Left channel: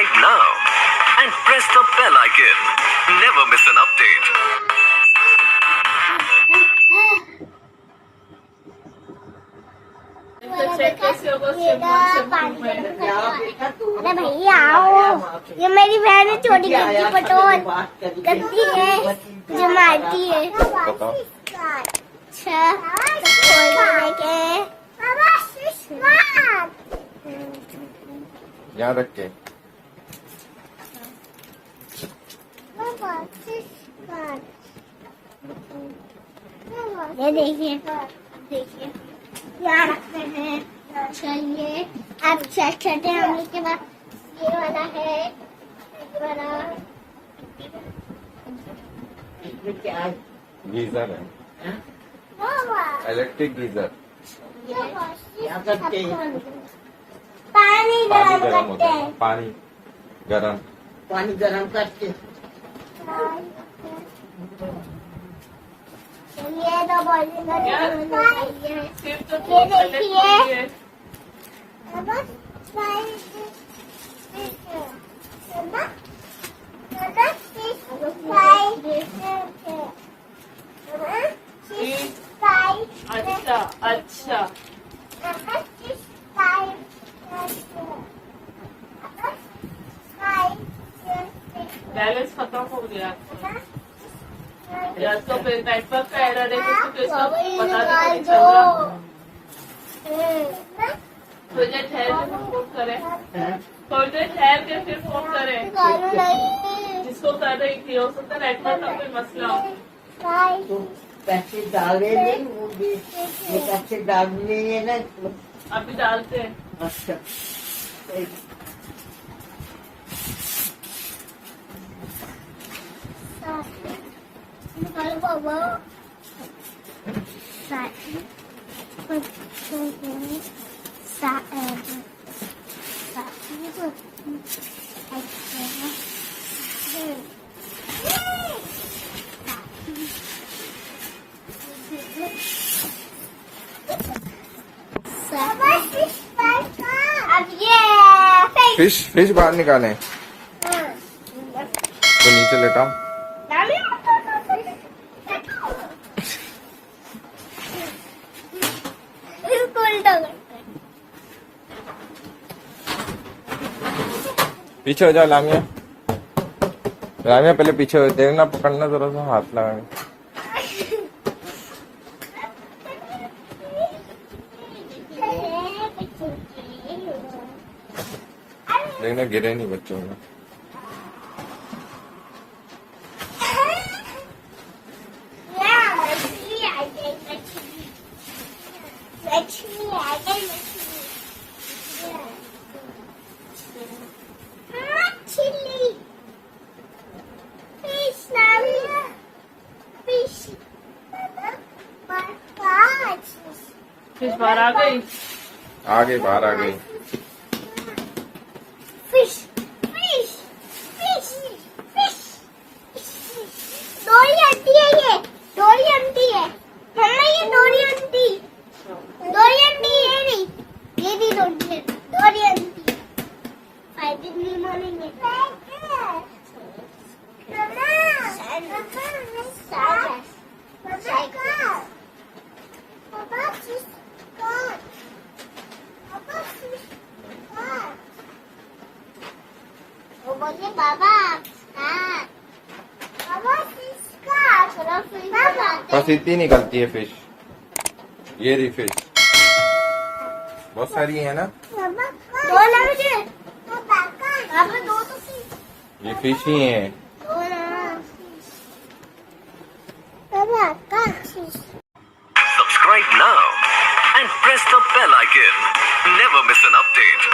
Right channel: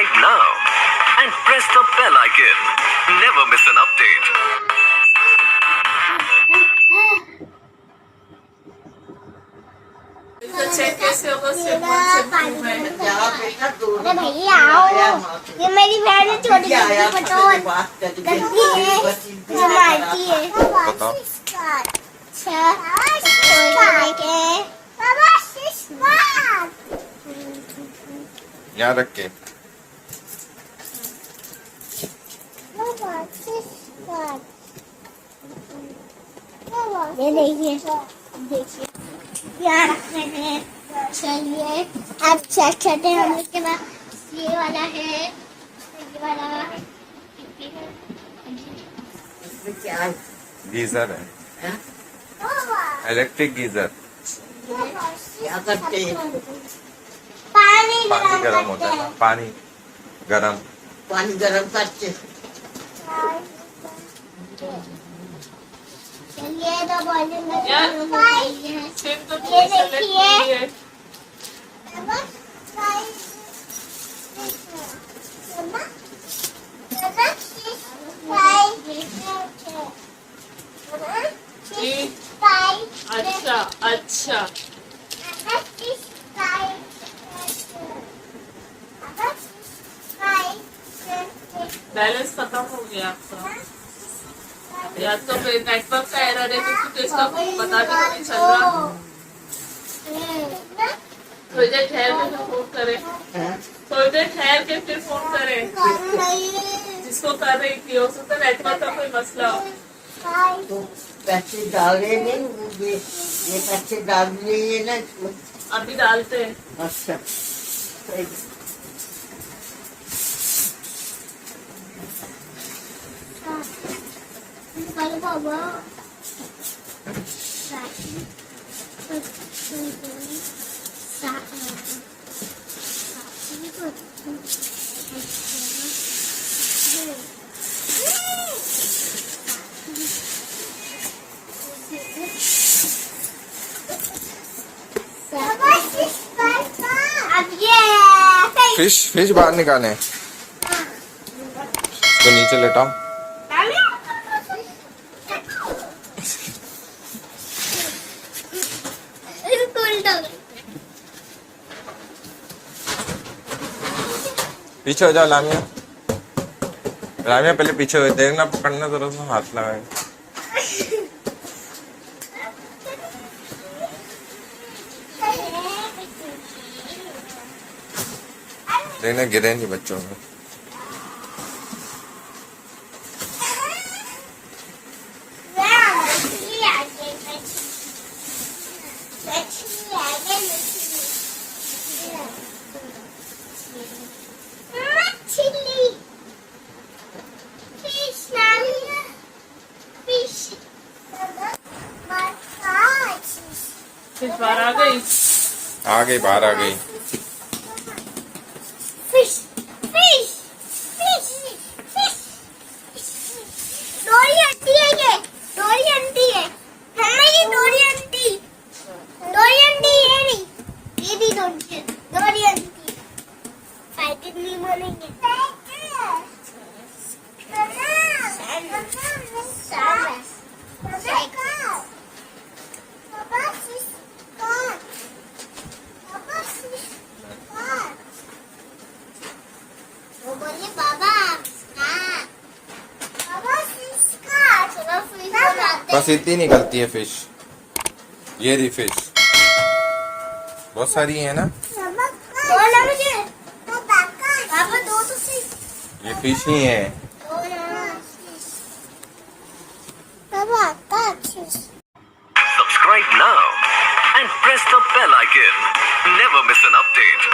Subscribe now and press the bell icon. Never miss an update. Check कैसे होगा? सिंपल में अरे भैया आओ, ये मेरी बहन है छोटी गंदी पटोल, गंदी है जो मारती है। बताओ। यहाँ रख के ये देखिए देखिए यहाँ रख रहे हैं। चलिए अब चेक करते हैं। हम इसके बाद ये वाला है, ये वाला गीजर है, इलेक्ट्रिक गीजर। पानी गरम होता है, पानी गरम करके चलिए तो वॉल्यूम सिर्फ तो ये देखिए अच्छा अच्छा बैलेंस खत्म हो गया आपका। या तो नेटवर्क का एरर है क्योंकि तो इसका पता भी नहीं चल रहा। थोड़ी देर ठहर के फिर फोन करें, थोड़ी देर ठहर के फिर फोन करें। जिसको कर रही थी हो सकता है नेटवर्क का कोई मसला हो। तो पैसे डाले नहीं, वो ये पैसे डाल दिए ना इसमें। अभी डालते हैं। अच्छा फिश बाहर निकालें। तो नीचे लेटाओ। पीछे हो जाओ लामिया। लामिया पहले पीछे हो, देखना पकड़ना जरा सा, हाथ लगाए। देखना गिरे नहीं बच्चों में। फिर बाहर आ गई, बाहर आ गई। बस इतनी निकलती है फिश। ये रही फिश, बहुत सारी है ना। ये फिश ही है। Subscribe now and press the bell icon. Never miss an update.